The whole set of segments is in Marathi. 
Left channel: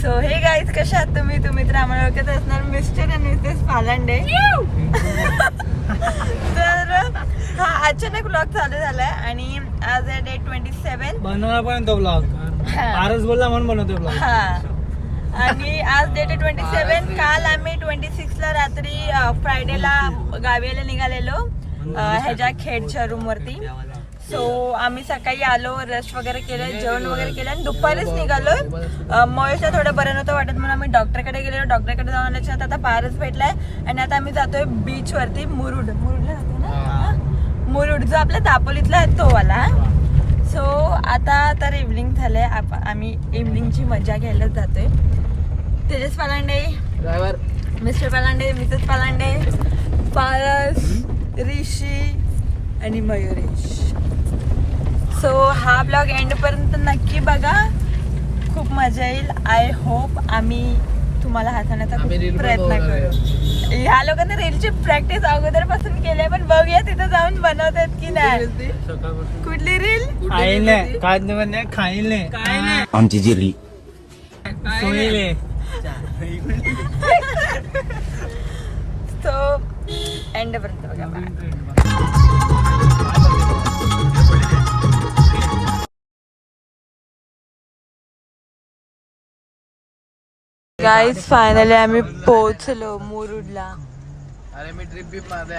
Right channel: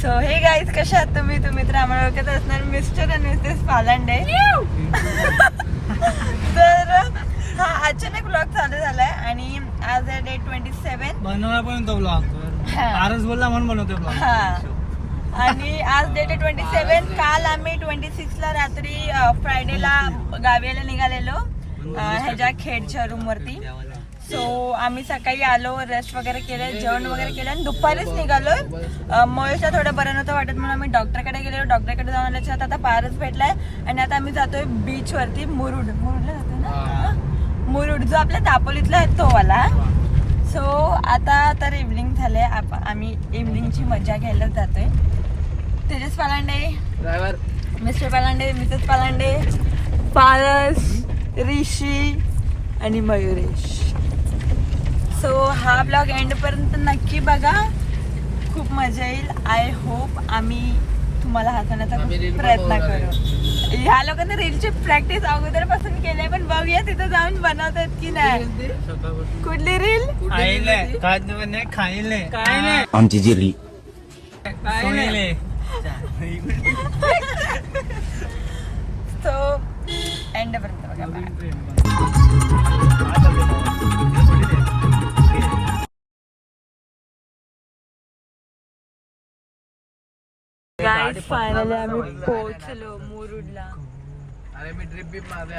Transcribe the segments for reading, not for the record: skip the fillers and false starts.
सो हे गाईज कशा आहात तुम्ही तर आम्हाला ओळखत असणार मिस्टर आणि मिसेस पालांडे. तर हा अचानक ब्लॉग चालू झालाय आणि आज आहे डे 27 बनवला पण तो ब्लॉग आरस बोलला म्हणून बनवतो ब्लॉग. हा आणि आज डेट 27. काल आम्ही 26 ला रात्री फ्रायडेला गावीला निघालेलो ह्याच्या खेडच्या रूम वरती. सो आम्ही सकाळी आलो, रेस्ट वगैरे केलं, जेवण वगैरे केलं आणि दुपारीच निघालो. महेशला थोडं बरं नव्हतं वाटत म्हणून आम्ही डॉक्टरकडे गेलो. डॉक्टरकडे जाऊन आल्याच्या आता पारच भेटलाय आणि आता आम्ही जातोय बीच वरती. मुरुडला जातो ना, मुरुड जो आपल्या दापोलीतला आहे तो वाला. सो आता तर इव्हनिंग झालंय, आम्ही इव्हनिंगची मजा घ्यायला जातोय. तेजस पालांडे, मिस्टर पालांडे, मिसेस पालांडे, पारस, ऋषी आणि मयुरेश. सो हा ब्लॉग एंड पर्यंत नक्की बघा, खूप मजा येईल. आय होप आम्ही तुम्हाला हसवण्याचा खूप प्रयत्न करू. ह्या लोकांनी रीलची प्रॅक्टिस अगोदर पासून केली आहे, पण बघूया तिथं जाऊन बनवतात की नाही. कुठली रील? आमची जी रील सो एंड पर्यंत बघा. गाईज फायनली आम्ही पोहोचलो मुरुडला. अरे मी ट्रिप बी मारले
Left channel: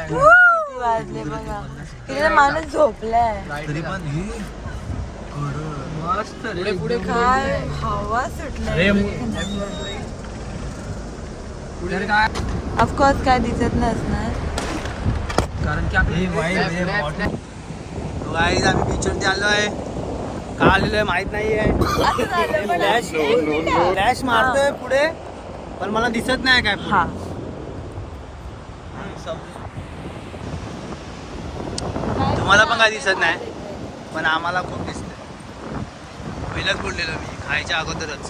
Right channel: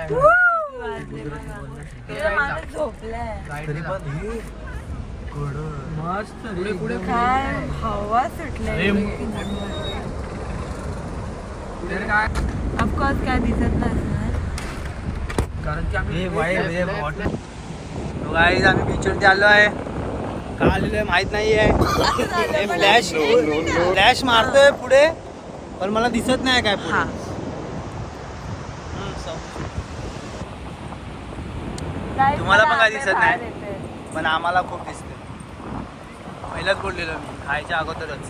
वाजले बघा, तिथे माणूस झोपलाय. मस्त काय हवा सुटलाय. ऑफकोर्स काय दिसत नसणार कारण की आम्ही बीचवरती आलो आहे. का आलेलो आहे माहित नाही आहे. फ्लॅश मारतोय पुढे पण मला दिसत नाही काय. हा तुम्हाला पण काय दिसत नाही पण आम्हाला खूप दिसतंय. पहिलंच बोललेलो मी खायच्या अगोदरच.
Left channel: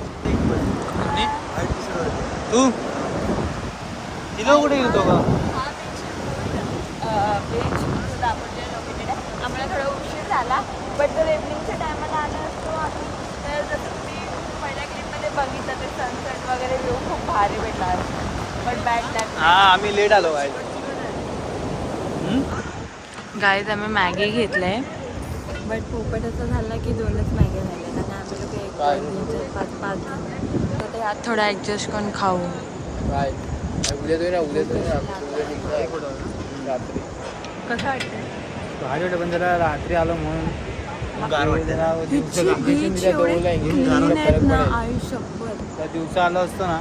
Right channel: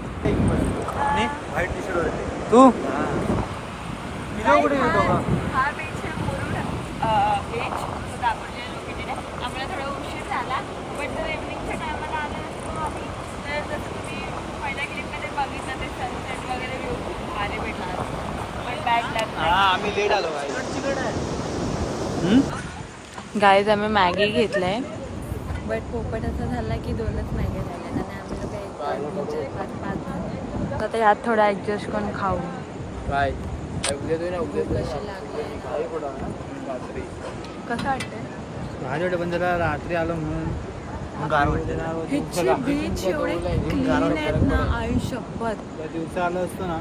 तू तिथं कुठे गेलो का? हा बीच मुरुड बीच तो दापोलीच्या लोकेटेड आहे. आम्हाला थोडा उशीर झाला, बट जर इव्हनिंगच्या टायमाला आला असतो आम्ही तर जसं तुम्ही पहिल्या क्लिपमध्ये बघितलं ते सनसेट वगैरे व्ह्यू खूप भारी भेटला असता. But bad luck. हा आम्ही लेट आलो गाईज आम्ही मॅगी घेतलंय, बट पोपट असं झाला की 2च मॅगी झाल्यात आणि आम्ही लोक 1, 2, 3, 4, 5 जण. तर आता ह्यात थोडा ॲडजस्ट करून खाऊ. कसं वाटतंय? भारी वाटतं पण जरा रात्री आलो म्हणून गार वाटतं. बीच एवढे क्लीन आहेत ना, आई शपथ. दिवसा आलो असतो ना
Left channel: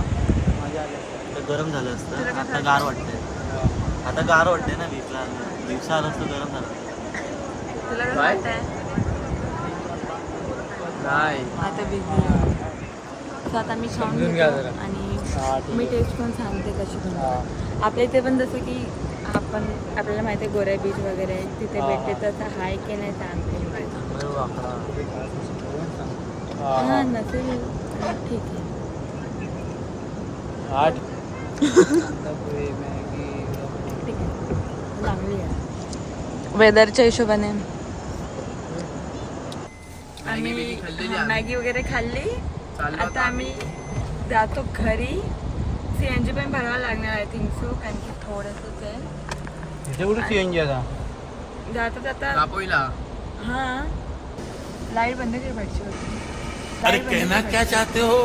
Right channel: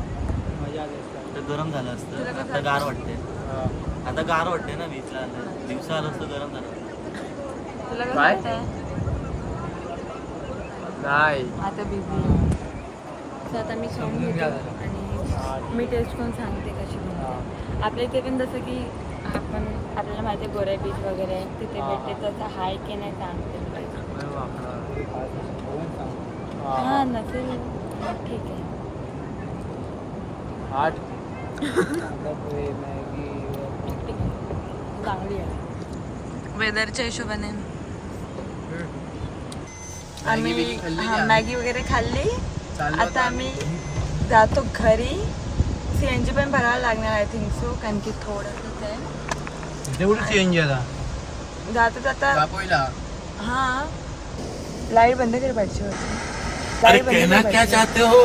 मजा आली असतं. गरम झालं असतं, आता गार वाटतंय. आता गार वाटतंय ना बीचला. दिवसा आलं असतं गरम झालं. तुला कसं वाटतंय? नाही आता बिझी आहे. तर आता मी खाऊन घेतो आणि मी टेस्ट करून सांगते कशी बनवते. आपल्या इथे पण जसं की आपल्याला माहिती आहे गोऱ्या बीच वगैरे तिथे भेटते, तसं हाय की नाही सांगते मी. हां नसेल ठीक आहे. ठीक आहे, चांगली आहे वेदरच्या हिशोबाने. आम्ही मॅगी वगैरे खाल्ली. आता आम्ही जातो घरी. CNG पण भरावं लागणार आय थिंक सो, कारण की थोडंसंच आहे. चेंज जाता जाता दापोलीला. हां लाईट बंद केली पाहिजे होती. अरे कहना क्या चाहते हो?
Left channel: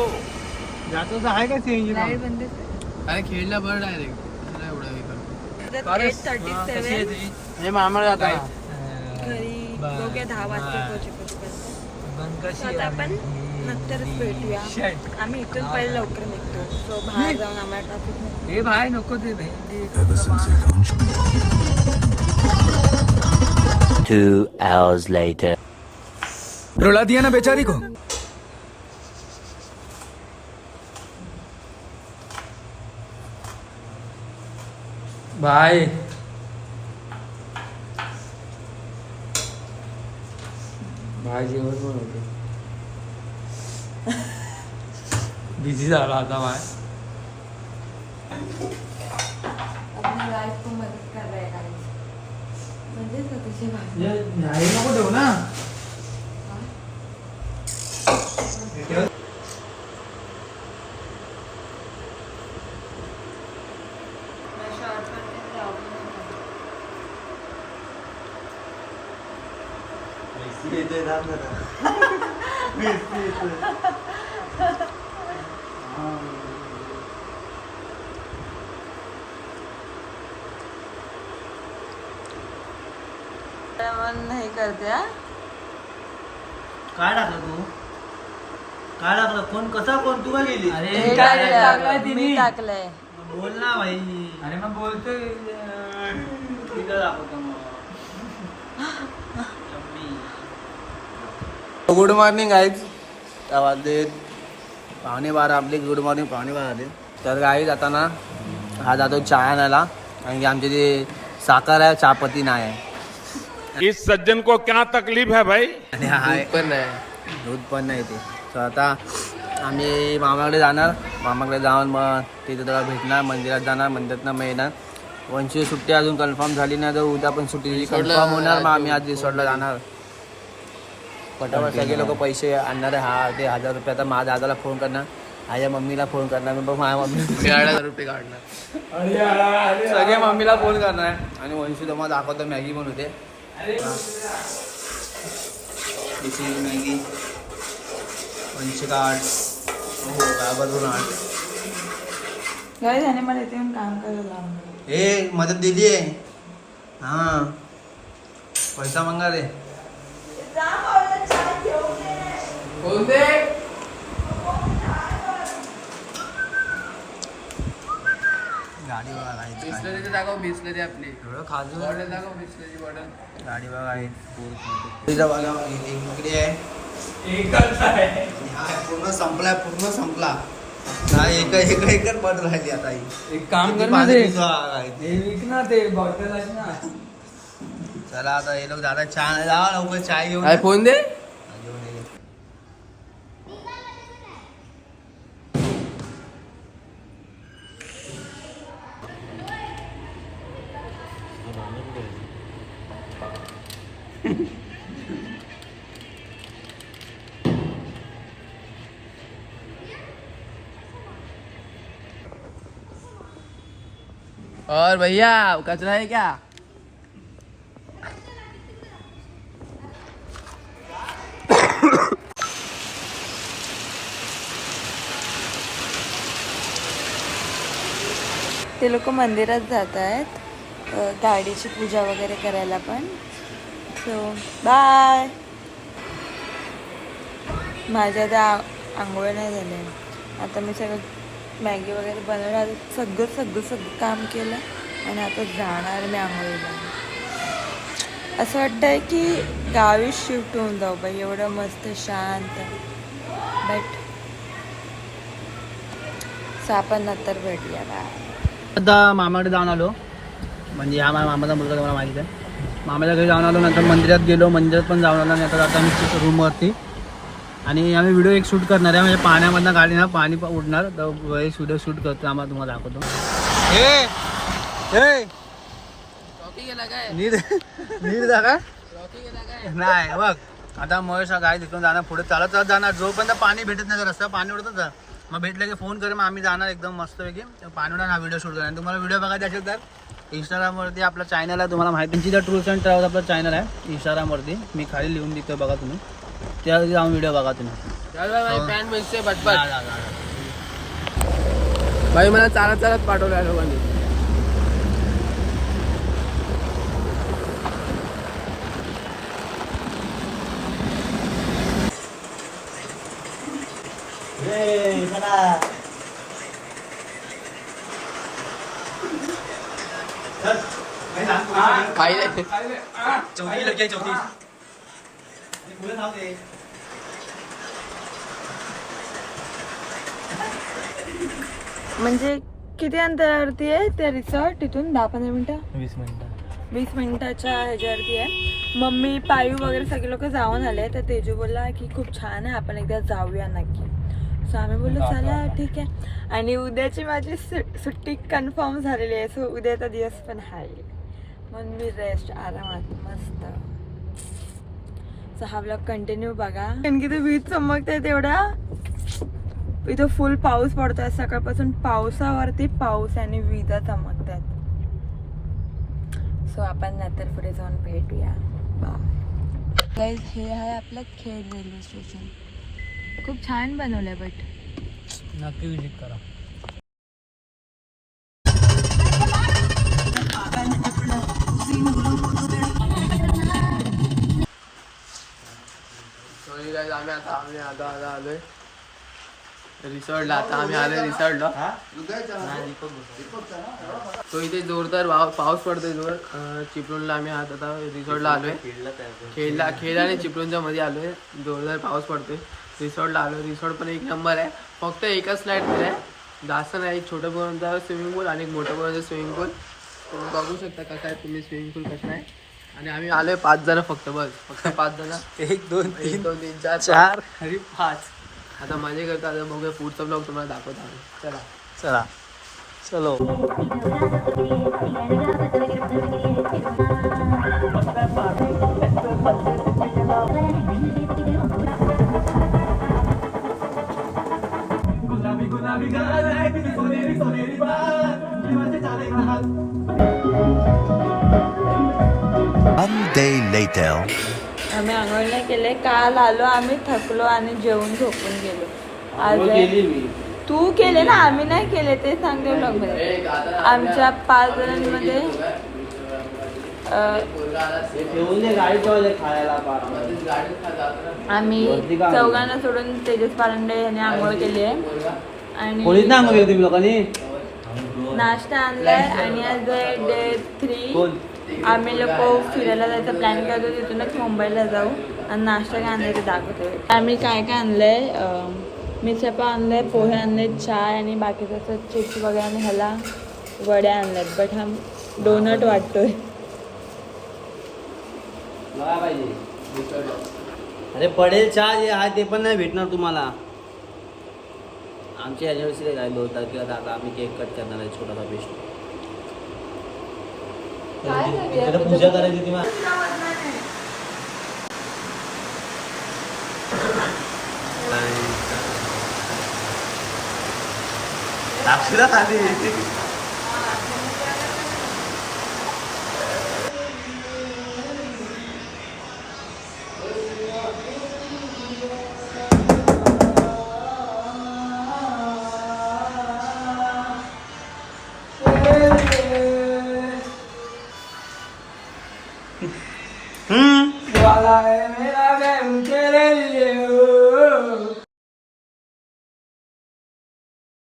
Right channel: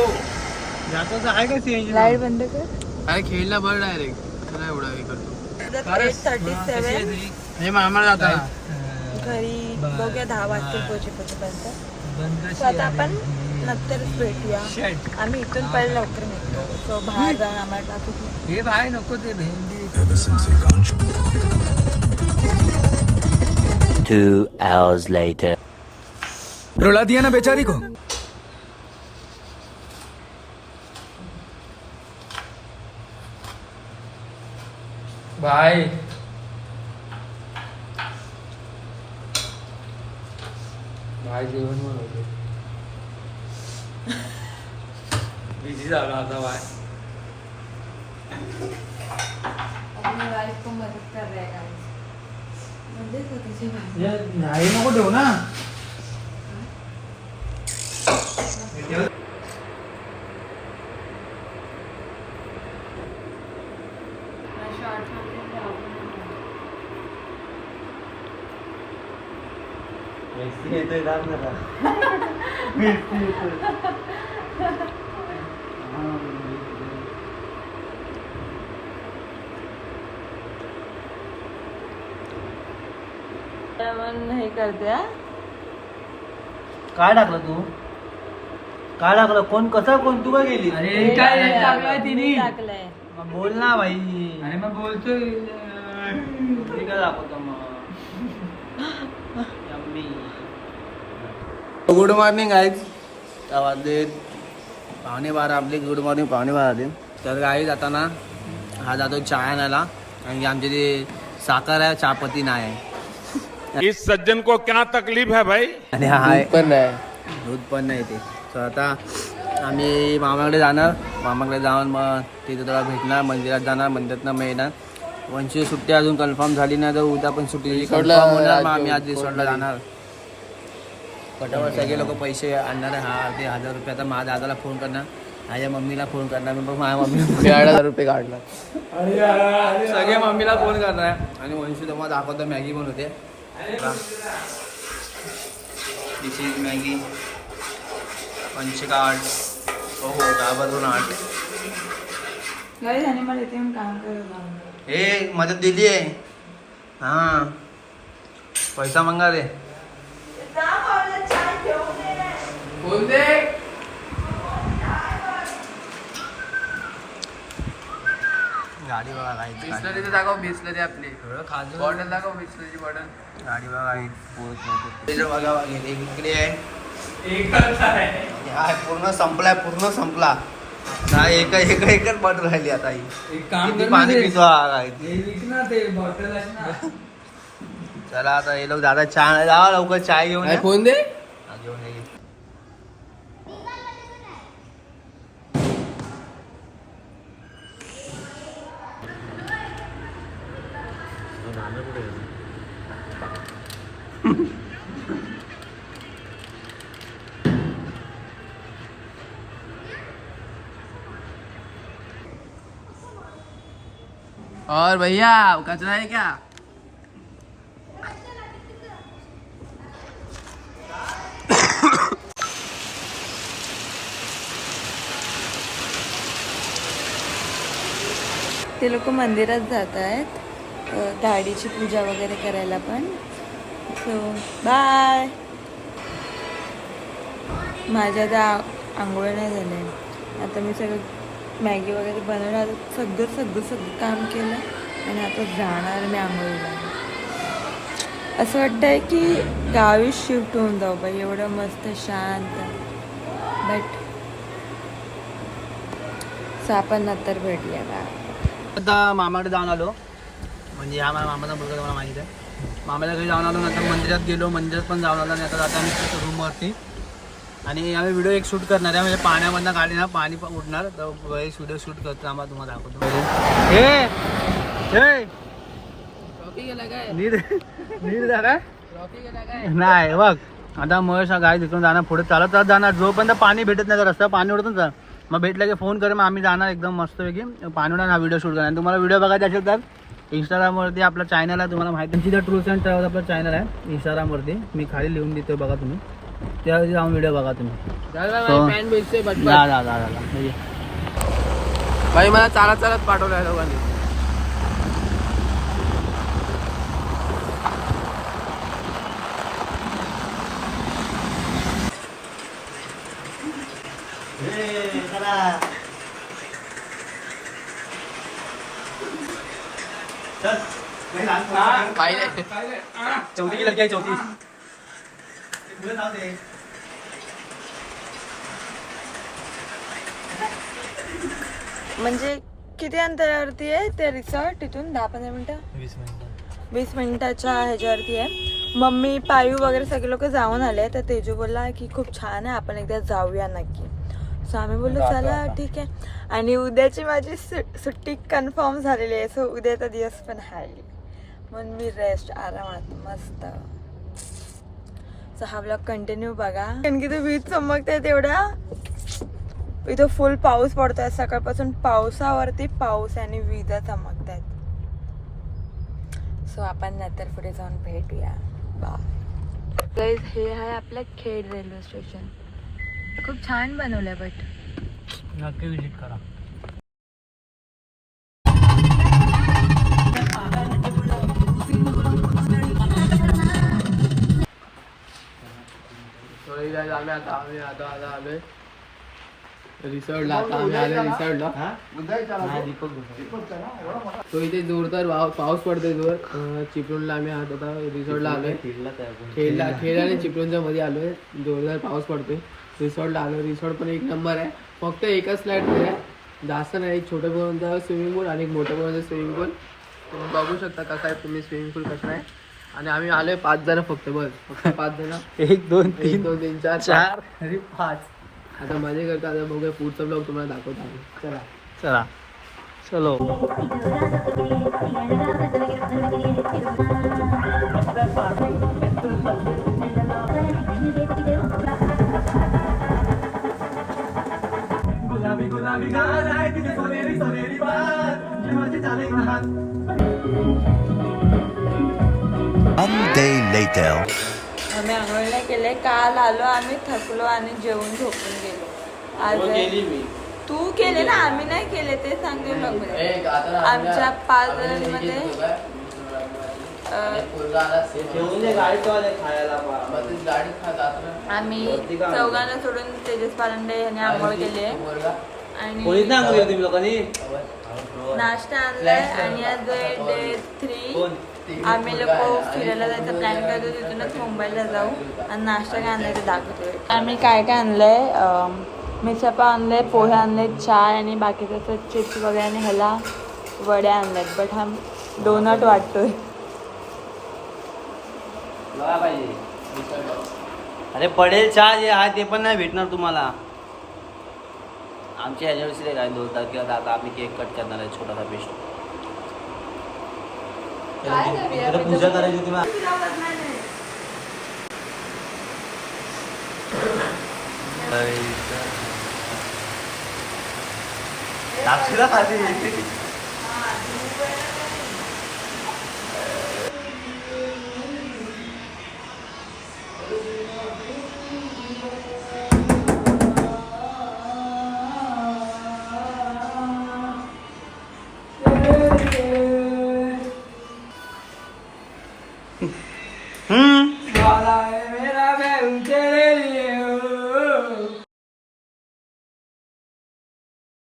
जातो आहे का सीएनजी? लाईट बंद कर. काय खेळला बघ डायरेक्ट एवढा हे करतो. 8:37 म्हणजे आम्हाला जाता घरी बघूया 10 वाजता पोहोचेपर्यंत. सो आता आपण नंतरच भेटूया. आम्ही इथून पहिले लवकर निघतो. सो बाहेर जाऊन आम्हाला ट्रॅफिक नाही. हे बाय नको ते भेंडी. 2 hours later. रुला दिया ना बेचारी को. बाय. बिझी झाला आता बाय. मदत कर रहा है नाही नको देऊ ना. पण हे करते हा. काय टाकलं तू? काय टाकलं? कोण कसा कोण तू काय गेली? हे टाकलंय, मी टाकलंय. मग बोल ना भाई. अरे मग बोलतोय. Good morning guys. वाजले 11:15 आपली. Good morning 11:15. तर गाईज आता ना हा जातो चहा आणायला, कारण की आमची ती साखर आहे, चहापत्ती नाही आहे. इस सज्जन को क्या तकलीफ है भाई? आणि हा दूध पण नाही ते. तर आता आम्ही मामाकडे जाणार. मामाकडे जाऊन मग तिथे थोडा भेटणार, मंदिरात जाणार, मंदिरातनं मग येणार. वंशी सुट्टी अजून कन्फर्म झाली नाही, तर उद्या पण सुट्टी कन्फर्म होणार. मग आम्ही आज रिसॉर्टला जाणार. पटावर सगळे लोक पैसे आणणार. हा ते 1000 रुपये आता माझ्या दादाला फोन करणार, माझ्या मम्मीला फोन करणार. मी बघ माझ्या मम्मीला 1000 रुपये काढणार. सगळे मम्मीला फोन करणार. आणि वंशी तुम्हाला दाखवतो मॅगी पण होते. मॅगी पंचकार्ड हो दाबातून 8. ह्याने मला इथे येऊन काम करायला. हे मदत दिली आहे. हा पैसा मंगा रे. गाडी बघा काही गाडी बघा तिथं बघा इकडे आहे. हा पूर्ण संपलाय, पूर्ण संपला. नाही एकच बट राहिली आता. ही एक काम किती कर पाणी पितो हा काय. ना ते बॉटल आहे ना. चला आता हे लोक दादा चहा जावा लवकर चाय घेऊन या. फोन दे. हा, घेऊन ये. और भैया कचरा है क्या? ते लोक मंदिरात जात आहेत गाडीची पूजा वगैरे करायला पण. So bye. माझ्या त्या आंघोळ नाही झाले. आता मी सगळं मॅगी वगैरे बनवणार, सगळं काम केलं आणि आता जाणार मी आंघोळीला. असं वाटतंय की गावी शिफ्ट होऊन जाऊ बाई, एवढं मस्त शांत. बट आपण नंतर भेटूया बा. आता मामाकडे जाऊन आलो, म्हणजे हा माझ्या मामाचा मुलगा तुम्हाला माहिती आहे. मामाच्या घरी जाऊन आलो, नंतर मंदिरात गेलो, मंदिरात पण जाऊन आलो. आणि आता जाता आम्ही रूमवरती. आणि आम्ही व्हिडिओ एक शूट करणार आहे, म्हणजे पाण्यामधनं गाडी ना पाणी उडणार, तर व्हिडिओ शूट करतो. आम्हाला तुम्हाला दाखवतो. नीट जागा नाही बघ. आता महेश हा गाडी तिकडून जाणार, पुढे चालत चालत जाणार. जोपर्यंत पाणी भेटत नाही, तर रस्ता पाणी उडतून जा. मग भेटलं की फोन करेल, मग आम्ही जाणार एकदम मस्तपैकी पाणी उडणार. हा व्हिडिओ शूट करणार. तुम्हाला व्हिडिओ बघायचा असेल तर इंस्टाग्रामवरती आपला चॅनल आहे, तुम्हाला माहिती आहे. ट्रूल्स अँड ट्रॅव्हल्स आपला चॅनल आहे इंस्टाग्रामवरती. मी खाली लिहून देतो, बघा तुम्ही. त्यावरती जाऊन व्हिडिओ बघा तुम्ही. भाई मला चालत चालत पाठवलं लोकांनी. म्हणजे किती अंतरावरती आहे ते रिसॉर्ट? तिथून 10-15 मिनिटं, 20 मिनिटाच्या ह्याच्यावरती आहे. मम्मी पायू वगैरे सगळे लोक जाऊन आले, तर तेजू बोलला की खूप छान आहे, आपण एकदा जाऊया नक्की. सो आम्ही बोललो चला ठीक आहे. आणि उद्याची माझी सुट्टी कन्फर्म झालेली आहे. सो उद्याचा दिवस पण आहे, म्हणून मी रेस्ट आरामात मस्त. सो हा ब्लॉग कंटिन्यू बघा, कारण की तो वीज चमकते तेवढ्या. इथं फुल पाऊस पडतोय सकाळपासून. पावसावरती पाऊस आणि विजा चमकतात. सो आपण नंतर पुढे जाऊन भेटूया. बाय. गाईज हे आहे आपलं खेड रेल्वे स्टेशन. खूप छान बनवलंय बट नक्की विजिट करा. आम्ही आलोय रिसॉर्टला. आता आम्ही आलोय रिसॉर्टला. तो इथे जोरदार पाऊस पडतोय जोर. चिपळूणला आम्ही आता रिसॉर्टला आलोय. खेळ आणि चिपळूणच्या मध्ये आलोय. जोरदार पाऊस पडतोय. रिसॉर्टला आलोय. रिसॉर्ट पण एक नंबर आहे. फक्त एकच फ्लॅट आहे, जास्त नाही. छोटं पोरांचा स्विमिंग पूल आणि मोठं पोरांचा स्विमिंग पूल. तुम्ही बघू शकता कसं आहे तुम्ही स्विमिंग पूल कसं आहे. आणि आम्ही आलोय 5 जण फक्त 5 जण. 1 2 3 2 3 4 4 अरे 5. आता मजा करता. आता बघूया पुढचा ब्लॉग तुम्हाला दाखवतो आम्ही. चला चला चलो. One day later. आम्ही आंघोळ नाही केले. काल आलो आम्ही, थकलो आणि जेवून झोपून गेलो. आज तू केले ना, आम्ही नाही केले ते सांगते ब्लॉग मध्ये. आमच्या 5 जणांमध्ये आम्ही 4 सोडून तेजस पालंडे यांनी आंघोळ केली आहे. आणि नाश्ता आणलाय. आणि आज डे 3 आम्ही लोक फिरायला जायचा प्लॅन करतो. तिथूनच मुंबईला जाऊ. आणि नाश्ता काय आणलाय ते दाखवतोय. आम्ही काय काय आणलंय, मिसळपाव आणले, पोहे आणले, चाय आणि बाकीचं चिप्स वगैरे आणि ह्याला वड्या आणल्यात. बट हा डोनट वाटतोय. अरे पडेल चहा जे आहे ते पण नाही भेटणार तुम्हाला. आमची अॅनिव्हर्सरी काय 2 तारखेला. दादा आम्ही केक कट करणार आहे छोटासा पेस्ट. पूजा करायची होती. खाली